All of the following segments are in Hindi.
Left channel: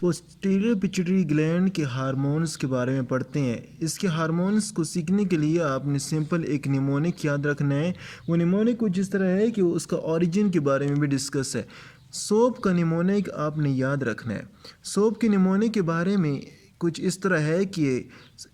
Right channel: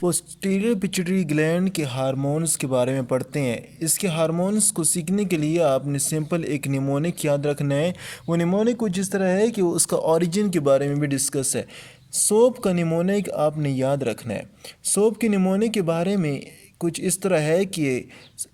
पोस्टीरियर पिट्यूटरी ग्लैंड के हार्मोन्स के बारे में पढ़ते हैं। इसके हार्मोन्स को सीखने के लिए आपने सिंपल एक निमोनिक याद रखना है। वो निमोनिक कुछ इस तरह है कि उसका ओरिजिन के बारे में भी डिस्कस है। सोप का निमोनिक आपने याद रखना है। सोप के निमोनिक के बारे में कुछ इस तरह है कि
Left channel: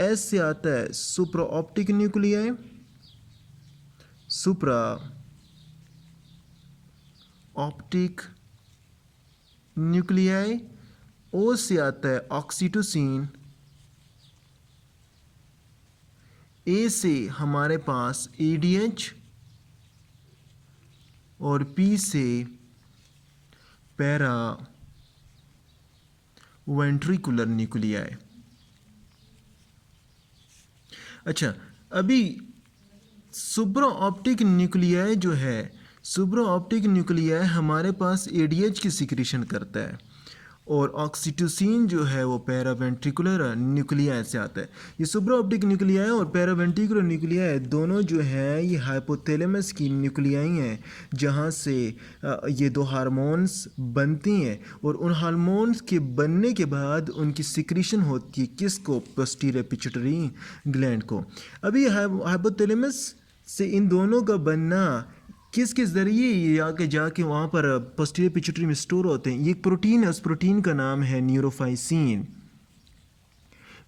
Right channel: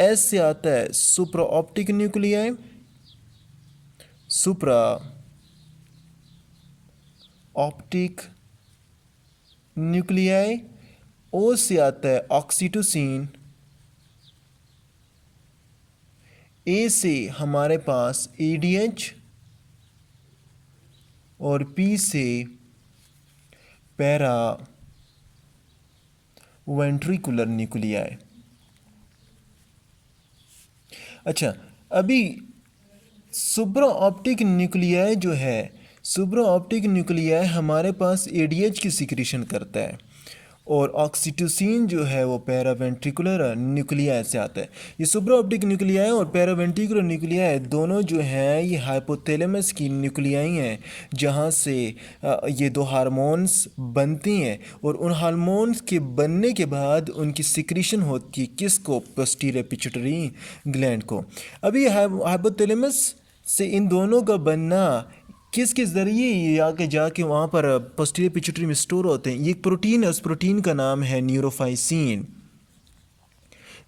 एस से आता है supra optic nuclei, supra optic nuclei. O से आता है ऑक्सीटोसिन। ए से हमारे पास एडीएच और पी से पैरा वेंट्रिकुलर न्यूक्लियाई। अच्छा, अभी सुप्रा ऑप्टिक न्यूक्लियाई जो है, सुप्रा ऑप्टिक न्यूक्लियाई हमारे पास एडीएच की सिक्रीशन करता है और ऑक्सीटोसिन जो है वो पैरावेंट्रिकुलर न्यूक्लियाई से आता है। ये सुप्रा ऑप्टिक न्यूक्लियाई और पैरावेंट्रिकुलर न्यूक्लियाई दोनों जो हैं ये हाइपोथैलेमस की न्यूक्लियाई हैं, जहाँ से ये दो हार्मोन्स बनती हैं और उन हार्मोन्स के बनने के बाद उनकी सिक्रीशन होती है किसको? पोस्टीरियर पिट्यूटरी ग्लैंड को। अभी हाइपोथैलेमस से इन दोनों का बनना किसके ज़रिए ये आके जाके वहाँ पर पोस्टीरियर पिट्यूटरी में स्टोर होते हैं। ये प्रोटीन है, उस प्रोटीन का नाम है न्यूरोफाइसिन।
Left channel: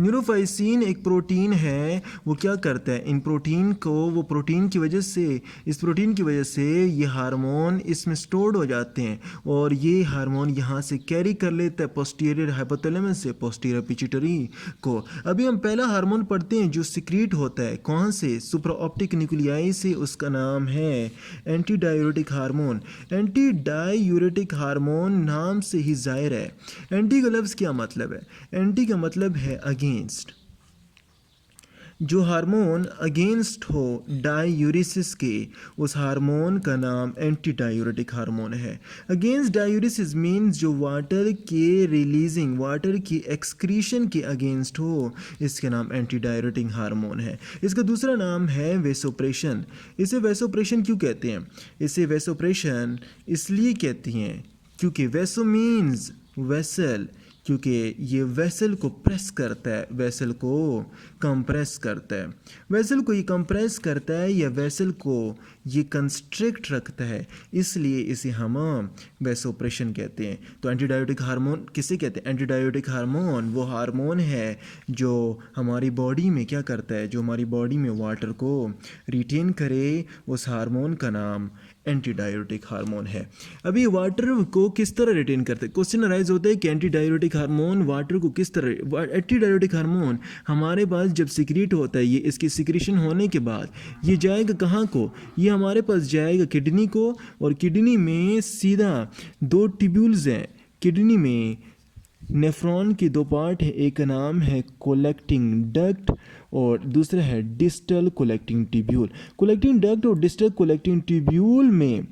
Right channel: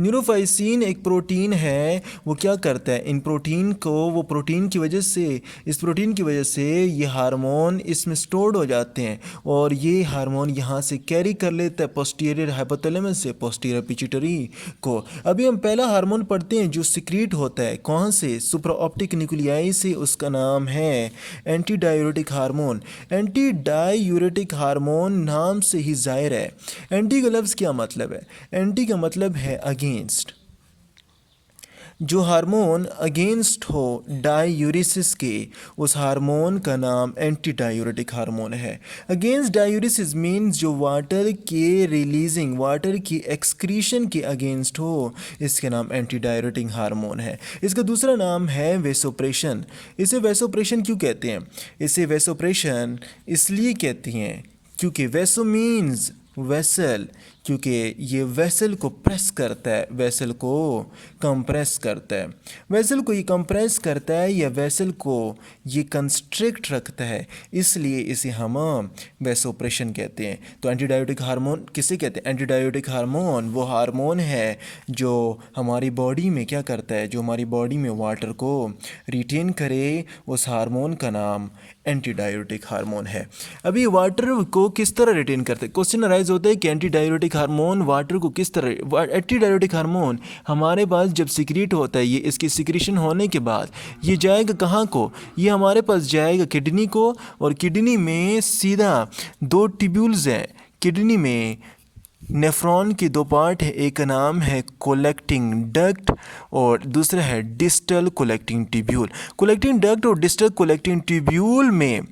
न्यूरोफाइसिन एक प्रोटीन है, वो क्या करता है इन प्रोटीन को, वो प्रोटीन की वजह से, इस प्रोटीन की वजह से ये हार्मोन इसमें स्टोर्ड हो जाते हैं और ये हार्मोन यहाँ से कैरी कर लेता है पोस्टीरियर हाइपोथैलेमस से पोस्टीरियर पिट्यूटरी को। अभी हम पहला हार्मोन पढ़ते हैं जो सिक्रीट होता है, कौन से? सुप्रा ऑप्टिक न्यूक्लियाई से। उसका नाम है anti diuretic hormone. Anti diuretic hormone नाम से ही जाहिर है। एंटी का लफ्ज़ क्या मतलब है? एंटी का मतलब है अगेंस्ट। जो हार्मोन अगेंस्ट हो डायूरिसिस के, उस हार्मोन का नाम एंटी डायूरेटिक हार्मोन है। अगेंस्ट डायूरिसिस मीन्स जो वाटर के रिलीजिंग, वाटर की एक्सक्रीशन के अगेंस्ट हो, इसका नाम एंटी डायूरेटिक हार्मोन है। इसका दूसरा नाम है वेसोप्रेशन। इसे वेसोप्रेशन क्यों कहते हैं? इसे वेसोप्रेशन इसलिए कहती हैं क्योंकि वेसो मीन्स वेसल, क्योंकि ये वेसल को प्रेस करता है, वेसल को कंप्रेस करता है। वेसल को ये कंप्रेस करता है या वेसल को ये कंस्ट्रिक्ट रखता है, इसलिए इसे हम वेसोप्रेशन कहते हैं। तो एंटीडायोटिक हार्मोन किसे कहते हैं? एंटीडायोटिक हार्मोन वो हार्मोन है जो हमारी बॉडी में क्या करता है, जो हमारी बॉडी में वाटर को रिटेन करे, उस हार्मोन का नाम एंटीडायूरेटिक हार्मोन है। अभी वाटर को किस तरह रिटेन करते हैं? क्वेश्चन अराइज होता है कि एंटीडायूरेटिक हार्मोन वाटर को किस तरह, एंटीडायूरेटिक हार्मोन हमारे पास जब सिक्रीट होता है, ये इसकी सिक्रीशन होने के बाद ये जाएगा कहाँ को? ये हमारे पास जाएगा किडनी को, और किडनी में सीधा दो ट्यूब्यूल्स हैं। किडनी में नेफ्रॉन के दो पार्ट है, एक नाम है कोलेक्टिंग डक्ट और दूसरा है distal collecting tubule. Collecting duct और डिस्टल कोलेक्टिंग ट्यूब्यूल में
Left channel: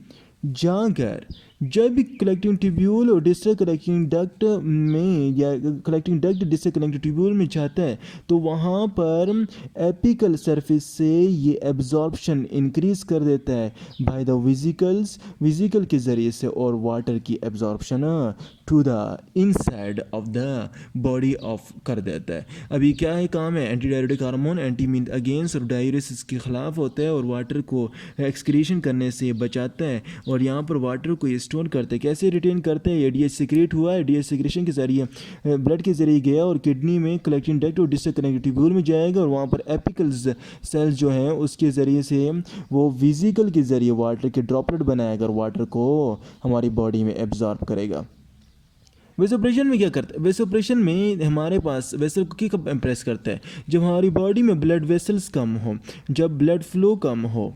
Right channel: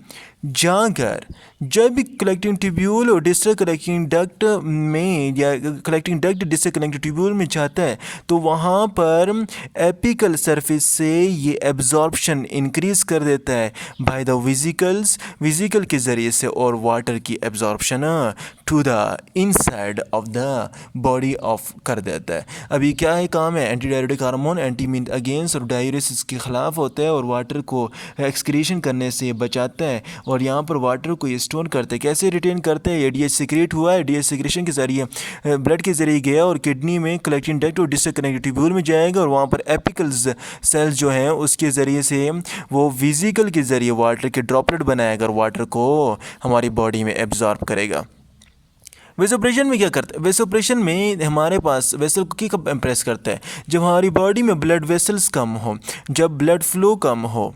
जाकर जब भी कलेक्टिंग ट्यूब्यूल और डिस्टल कलेक्टिंग डक्ट में या collecting duct distal collecting tubule में जाता है तो वहाँ पर एपिकल सरफेस से ये एब्जॉर्प्शन इंक्रीज कर देता है बाय द विजिकल्स, विजिकल के ज़रिए से, और वाटर की absorption to the inside of the body off कर देता है। अभी क्या है काम है? Antidiuretic hormone anti mean against और डायूरेसिस के ख़िलाफ़ होता है और वाटर को एक्सक्रीशन करने से बचाता है और यहाँ पर वाटर को स्टोर करते हैं। कैसे रिटेन करते हैं? ये डीएच सिक्रेट हुआ है, डीएच सिक्रेशन के जरिए ब्लड के जरिए गया और किडनी में कलेक्टिंग डक्ट और डिस्टल कनेक्टिव ट्यूब्यूल में जाएगा और वहाँ पर एपिकल्स सेल्स जो हैं उसके ज़रिए से वो विजिकल के ज़रिए वाटर के ड्रॉपलेट बनाएगा और वाटर को हमारी बॉडी में एब्जॉर्ब करेगा। वेसोप्रेशन में क्या करता है? वेसोप्रेशन में हमारे पास वेसल को कब इम्प्रेस करता है? जब हमारी बॉडी में ब्लड वेसल्स कम हो, जब ब्लड फ्लो कम हो।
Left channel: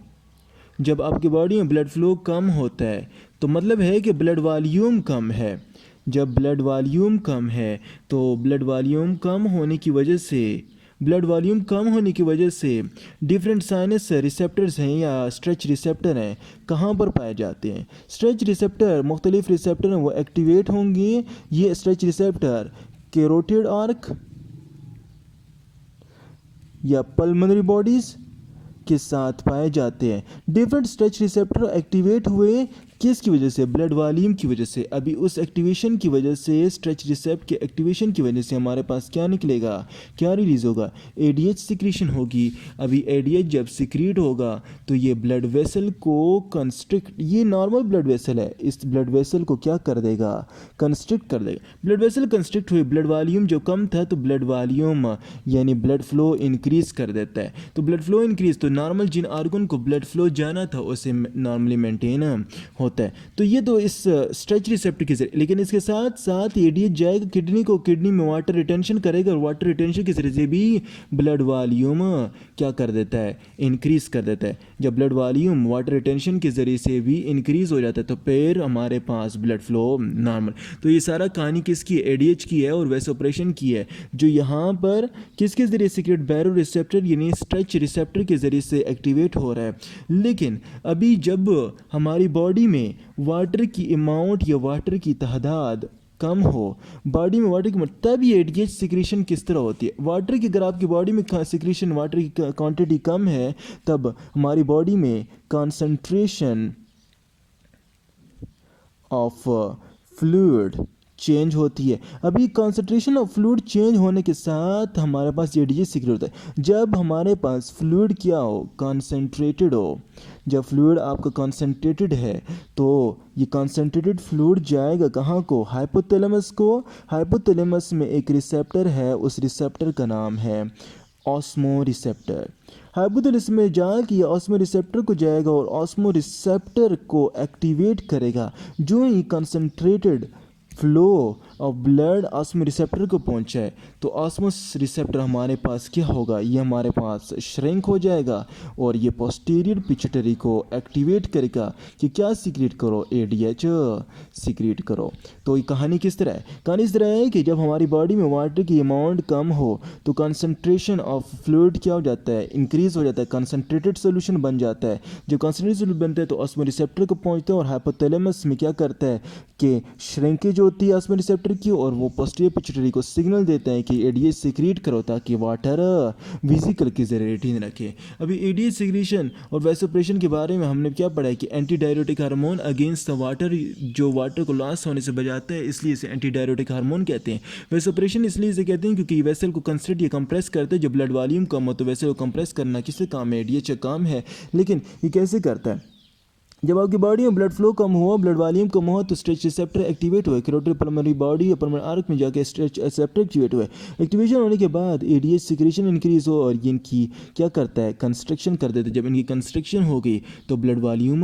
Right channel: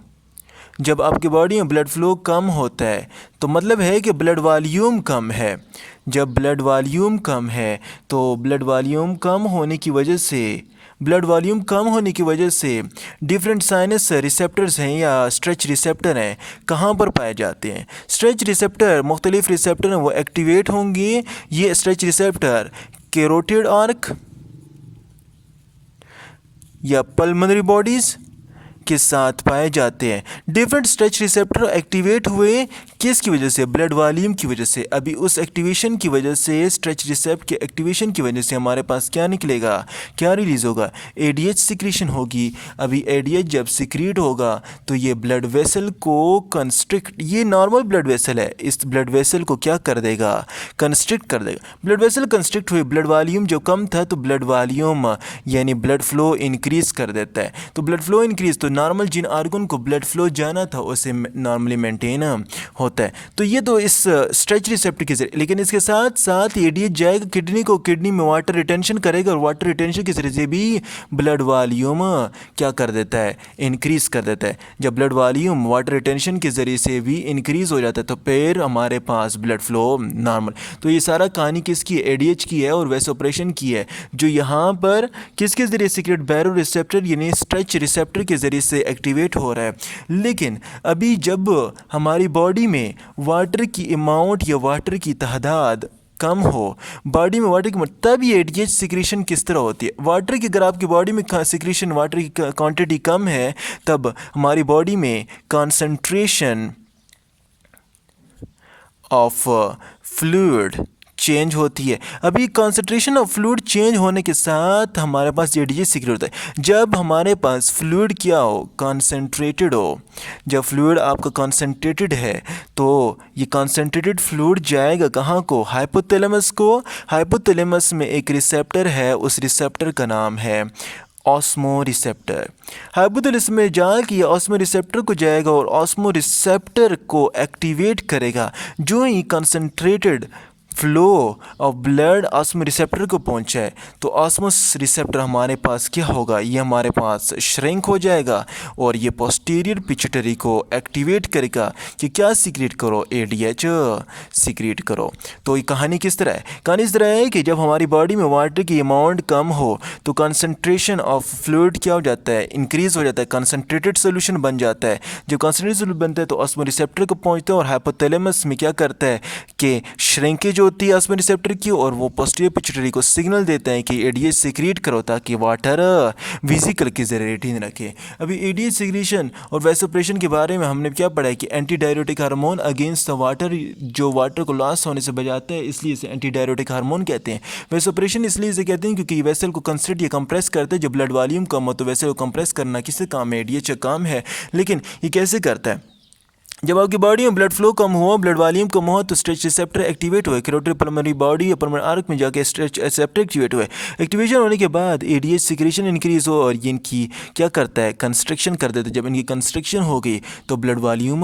जब आपकी बॉडी में ब्लड फ्लो कम होता है तो मतलब है कि ब्लड वॉल्यूम कम है। जब ब्लड वॉल्यूम कम है तो ब्लड वॉल्यूम कम होने की वजह से, ब्लड वॉल्यूम कम होने की वजह से डिफरेंट साइनस रिसेप्टर्स हैं या स्ट्रेच रिसेप्टर हैं, कहाँ पर पाए जाते हैं? स्ट्रेच रिसेप्टर, मुख्तलिफ रिसेप्टर हैं, वो एक्टिवेट होंगे। ये स्ट्रेच रिसेप्टर कैरोटिड आर्क या पल्मोनरी बॉडीज़ के साथ पाए जाते हैं। डिफरेंट स्ट्रेच रिसेप्टर एक्टिवेट हुए किसकी वजह से? ब्लड वॉल्यूम की वजह से। अभी उस एक्टिवेशन की वजह से, स्ट्रेच रिसेप्टर के एक्टिवेशन की वजह से हमारे पास क्या निकलेगा, क्या रिलीज होगा? एडीएच सिक्रीशन होगी। अभी एडीएच जब सिक्रीट होगा तो ये ब्लड वेसल को कंस्ट्रिक्ट, ये नॉर्मल ब्लड वेसल है, इस ब्लड वेसल को क्या कर देगा? कंस्ट्रिक्ट कर देगा। ब्लड वेसल कंस्ट्रिक्ट हुए, ब्लड वॉल्यूम जो कम था तो ब्लड वॉल्यूम यानी ब्लड फ्लो इंक्रीज कर देता है। तो ब्लड फ्लो इंक्रीज, तो नॉर्मल जिन आर्गन को ब्लड फ्लो जाना था उसे नॉर्मली मेंटेन होता है। तो ये तो इस स्ट्रेच रिसेप्टर के जरिए, लेकिन इसके साथ साथ एडीएच जाएगा किडनी को, किडनी में वाटर रिटेंशन करेगा और वाटर रिटेंशन के जरिए से भी ब्लड वॉल्यूम क्या कर देता है? इंक्रीज कर देता है। जब ब्लड वॉल्यूम वाटर रिटेंशन के जरिए से भी इंक्रीज हो जाता है तो फिर हमारे पास ब्लड फ्लो नॉर्मल। तो ये सारा कहानी किसकी है? एडीएच की है और वैसोप्रेशन की है, जो यहाँ पर किसके जरिए सीक्रेट बैरो रिसेप्टर यानी स्ट्रेच रिसेप्टर के जरिए से एक्टिवेट हो रहा है। लेकिन अभी जब हमारी बॉडी में वाटर की अमाउंट या वाटर की तादाद कम हो, बॉडी में वाटर की, तब ये एडीएच सिक्रीशन किस तरह होती है? वाटर की, अगर आपकी बॉडी में सिक्रीशन वाटर की क्वांटिटी कम है तब हमारी बॉडी में कॉन्सेंट्रेशन ऑफ फ्लूइड चेंज होती है। अभी कॉन्सेंट्रेशन ऑफ फ्लूइड चेंज होने के साथ हमारे पास एडीएच सीक्रेट होता है। जब हमारे पास फ्लूइड क्या हो? कॉन्सेंट्रेटेड हो। जब फ्लूइड आपका कॉन्सेंट्रेटेड है तो ये कॉन्सेंट्रेटेड फ्लूइड जाएगा कहाँ को? हाइपोथैलेमस को। हाइपोथैलेमस में एक रिसेप्टर है, उस रिसेप्टर का नाम है ऑस्मो रिसेप्टर। हाइपोथैलेमस में जाके ऑस्मो रिसेप्टर को जाएगा और ऑस्मो रिसेप्टर को एक्टिवेट करेगा। जो ही concentrated flow of blood osmo receptor को पहुंचे तो ऑस्मोस रिसेप्टर हमारे पास क्या होगा? ये हमारे पास श्रिंक हो जाएगा और ये पोस्टीरियर पिट्यूटरी को एक्टिवेट करेगा कि क्या सीक्रेट करो? एडीएच सीक्रेट करो। तो ये कहानी किस तरह है? कहानी इस तरह है कि जब हमारी बॉडी में वाटर की अमाउंट कम हो तो कंसंट्रेशन ऑफ फ्लूइड क्या हो जाता है? इंक्रीज हो जाता है, कंसंट्रेटेड सोल्यूशन बन जाता है। जब कंसंट्रेटेड सोल्यूशन बनता है तो ऑस्मो रिसेप्टर को पहुंचते हैं और हाइपोथैलेमस में क्या करता है कि श्रिंकेज होती है ऑस्मो रिसेप्टर की और वो पोस्टीरियर पिट्यूटरी को सिग्नल देते हैं कि एडीएच सीक्रेट करो ताकि वाटर वेसिकल के जरिए रिटेन रखे। अभी एडीएच सीक्रेशन और वैसोप्रेशन के बारे में हमने क्या पढ़ा है कि anti diuretic hormone against the water, जो वाटर को लॉस होने से बचाता है, इसलिए इसे एंटी डायरेटिक हार्मोन कहते हैं। वैसोप्रेशन इसलिए इसे कहते हैं क्योंकि ये वेसल को कंस्ट्रिक्ट या कंप्रेस करते हैं। जब ब्लड वॉल्यूम कम हो तो वेसल को कंप्रेस करना किससे काम है? एडीएच का काम है। लेकिन ये कैसे करता है? जब आपकी बॉडी में ब्लड फ्लो कम हुआ, ब्लड वॉल्यूम कम हुआ तो स्ट्रेच रिसेप्टर एक्टिवेट हुए। कैरोटिड पल्मोनरी बॉडी या पल्मोनरी आर्क में जाके स्ट्रेच रिसेप्टर एक्टिवेट हुए। एक्टिवेशन होने के बाद एडीएच सिक्रेशन इंक्रीज हो और ये इनकी क्या करता है? कंस्ट्रक्शन कर देता है। जब इनकी कंस्ट्रक्शन हो गई तो ब्लड वॉल्यूम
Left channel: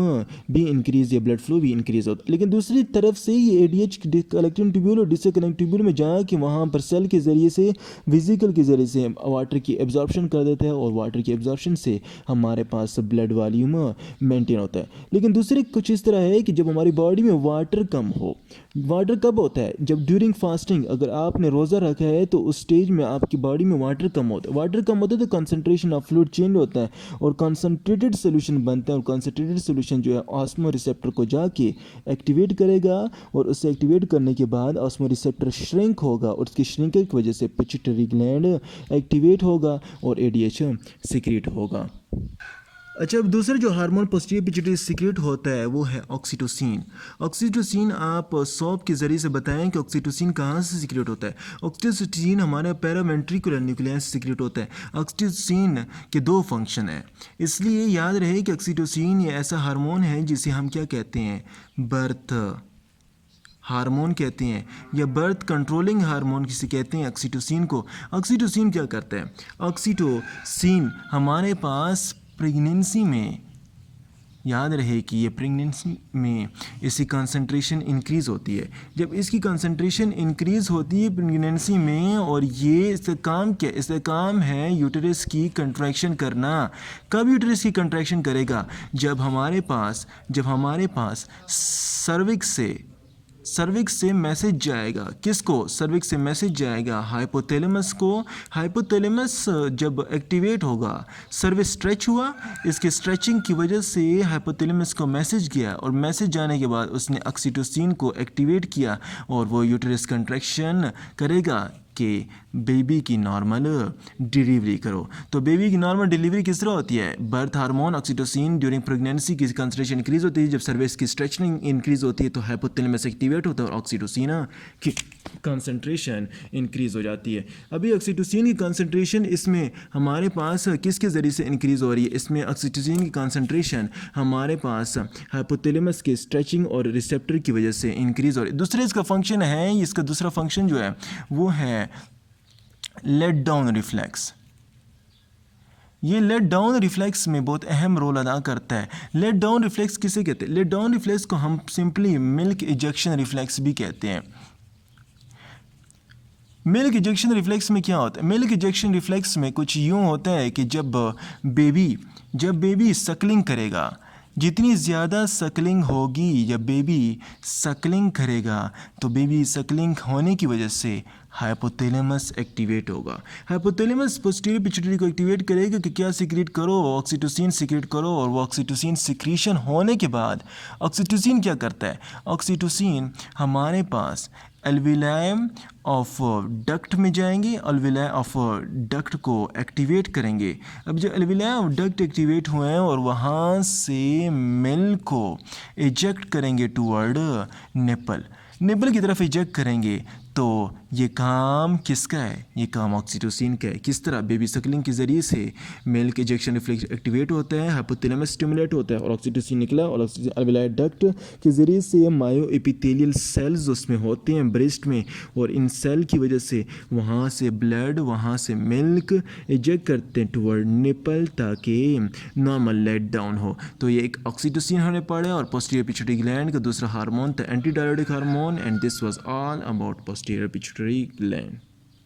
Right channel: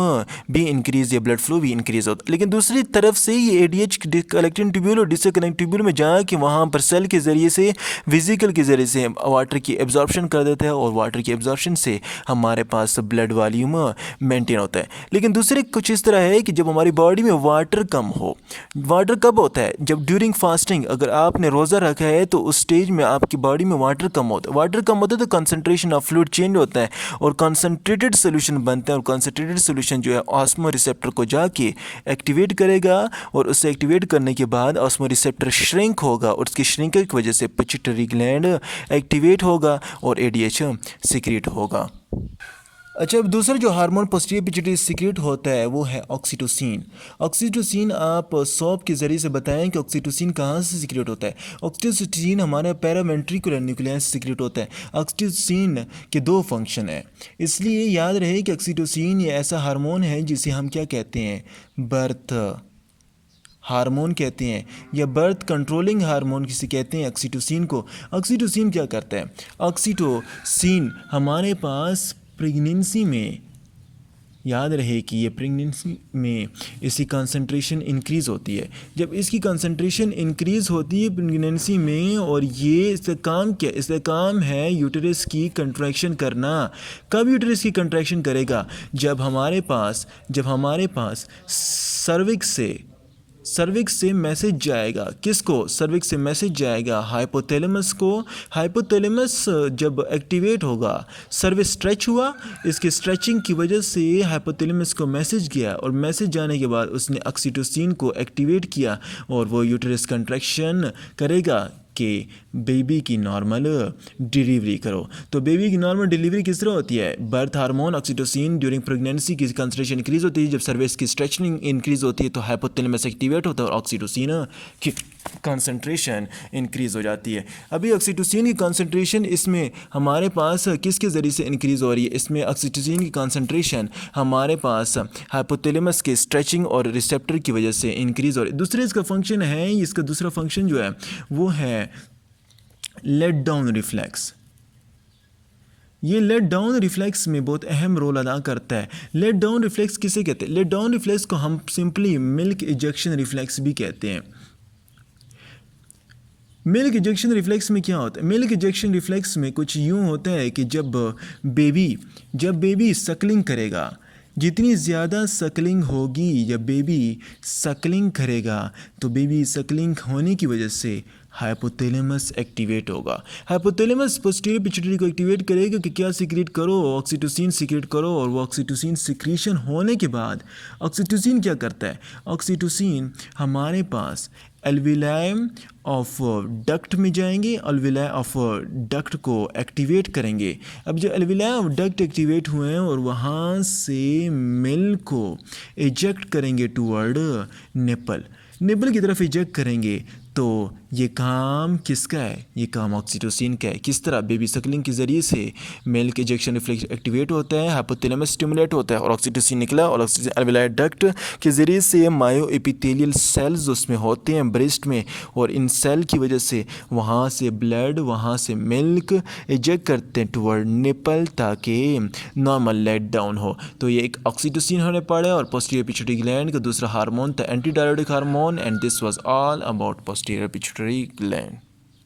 भी इंक्रीज या ब्लड फ्लो भी इंक्रीज होता है। लेकिन दूसरी तरफ से ये एडीएच कलेक्टिंग ट्यूब्यूल और डिस्कनेक्टिंग ट्यूब्यूल में जाके वहाँ पर सेल के जरिए से, वेसिकल के जरिए से वाटर की एब्जॉर्प्शन कर देता है और वाटर की एब्जॉर्प्शन से हमारे पास ब्लड वॉल्यूम मेंटेन होता है। लेकिन दूसरे कुछ इस तरह है कि जब हमारी बॉडी में वाटर कम हो, वाटर कब होता है? जब ड्यूरिंग फास्टिंग, अगर आपने रोज़ा रखा है तो उस स्टेज में आपकी बॉडी में वाटर कम होता है। वाटर कम होता है तो कंसंट्रेशन ऑफ फ्लूइड चेंज होता है और कंसंट्रेटेड सोल्यूशन बनता है और कंसंट्रेटेड सोल्यूशन जो है ऑस्मो रिसेप्टर को जाके एक्टिवेट करेगा और उसे एक्टिवेट करने के बाद ऑस्मो रिसेप्टर श्रिंक होगा और उसकी श्रिंकेज की वजह से पिट्यूटरी ग्लैंड एक्टिवेट होगा और एडीएच सीक्रेट होगा। अच्छा, अब दूसरा जो हार्मोन पोस्टीरियर पिट्यूटरी सीक्रेट होता है वो है ऑक्सीटोसिन। ऑक्सीटोसिन आप सौंप के ज़रिए से बताएं कि ऑक्सीटोसिन कहाँ से सीक्रेट होता है। ऑक्सीटोसिन हमारे पैरावेंट्रिकुलर न्यूक्लियस से सीक्रेट होता है। ऑक्सीटोसिन के दो फंक्शन है, इसलिए याद रहे कि ऑक्सीटोसिन ये ऐसा हार्मोन है जिसे हम क्या कहते हैं? बर्थ हार्मोन कहते हैं या बर्थ कंट्रोलिंग हार्मोन किसे कहते हैं? ऑक्सीटोसिन को। ऑक्सीटोसिन क्या करता है? ऑक्सीटोसिन हमारे पास प्रेगनेंसी में, याद रहे कि ये प्रेगनेंसी में इसकी कंसंट्रेशन इंक्रीज़ होती है। जब इसकी कंसंट्रेशन इंक्रीज़ होती है प्रेगनेंसी में, और ये इसका काम क्या? इसका काम है यूटेरस की कंट्रैक्शन करना। कब यूटेरस की कंट्रैक्शन करेगा? जब हमारे पास सर्विक्स से मैसेज जाएगा। किसको? सर्विक्स से मैसेज जाएगा हाइपोथैलेमस को। हाइपोथैलेमस जब एक्टिवेट होगा, सर्विक्स स्ट्रेच हुआ, इसके स्ट्रेचिंग की वजह से हाइपोथैलेमस को मैसेज गया और मैसेज जाने के बाद उसने ऑक्सीटोसिन को एक्टिवेट किया और वो यूटेरस कंट्रैक्शन करेगा। कि बेबी की नॉर्मल डिलीवरी करो। तो बेबी की नॉर्मल डिलीवरी किस तरह होती है? Birth hormone oxytocin during pregnancy की कंसंट्रेशन इंक्रीज होती है। जब सर्विक्स की स्ट्रेचिंग इंक्रीज होती है तो हाइपोथैलेमस एक्टिवेट होता है और ऑक्सीटोसिन की कंसंट्रेशन इंक्रीज हो जाती है। अभी ऑक्सीटोसिन की कंसंट्रेशन इसमें हमारे पास किसके ज़रिए से इंक्रीज हो रही है? इसमें ऑक्सीटोसिन की कंसंट्रेशन हमारे पास हाइपोथैलेमस के स्ट्रेचिंग और रिसेप्टर की वजह से इंक्रीज हो रही है। दूसरे इसका फंक्शन है, इसका दूसरा फंक्शन जो है वो है लेट डाउन रिफ्लेक्स। ये लेट डाउन रिफ्लेक्स में बहुत अहम रोल अदा करता है। लेट डाउन रिफ्लेक्स किसे कहते हैं? लेट डाउन रिफ्लेक्स को हम सिंपली मिल्क इजेक्शन रिफ्लेक्स भी कहते हैं। मिल्क इजेक्शन रिफ्लेक्स में क्या होता है? मिल्क इजेक्शन रिफ्लेक्स में कुछ यूँ होता है कि जब बेबी सकलिंग करेगा, जितनी ज़्यादा सकलिंग होगी, जब बेबी सकलिंग करेगा तो बेबी सकलिंग होने की वजह से हाइपोथैलेमस एक्टिवेट होगा। हाइपोथैलेमस पोस्टीरियर पिट्यूटरी को एक्टिवेट करेगा कि क्या सीक्रेट करो, ऑक्सीटोसिन सीक्रेट करो। और वो ऑक्सीटोसिन सिक्रीशन होने के बाद ऑक्सीटोसिन क्या करता है? ऑक्सीटोसिन हमारे पास एल्विलाई ऑफ डक्ट में जाएंगे, एल्विलाई ऑफ डक्ट को एक्टिवेट करेंगे। अब जो एल्विलाई ऑफ डक्ट एक्टिवेट हुए हैं और वहाँ से मिल्क को इजेक्ट करेंगे टूवर्ड निपल की तरफ इजेक्ट करेंगे। तो ये काम किसका है? ये काम ऑक्सीटोसिन का है। किस तरह? बेबी सकलिंग के ज़रिए से मिल्क इजेक्शन रिफ्लेक्स एक्टिवेट होता है, हाइपोथैलेमस स्टिमुलेट होता है और ऑक्सीटोसिन निकला और ऑक्सीटोसिन एल्विलाई डक्ट के ज़रिए से मायो एपिथेलियल सेल्स उसमें होते हैं ब्रेस्ट में, और इन सेल की वजह से वहाँ से ब्लड, वहाँ से मिल्क इजेक्ट करते हैं टूवर्ड निपल ताकि नॉर्मल लेट डाउन हो। तो ये एक ऑक्सीटोसिन होने पड़े और पोस्टीरियर पिट्यूटरी ग्लैंड का दूसरा हार्मोन था anti diuretic hormone. And this was all about posterior pituitary gland.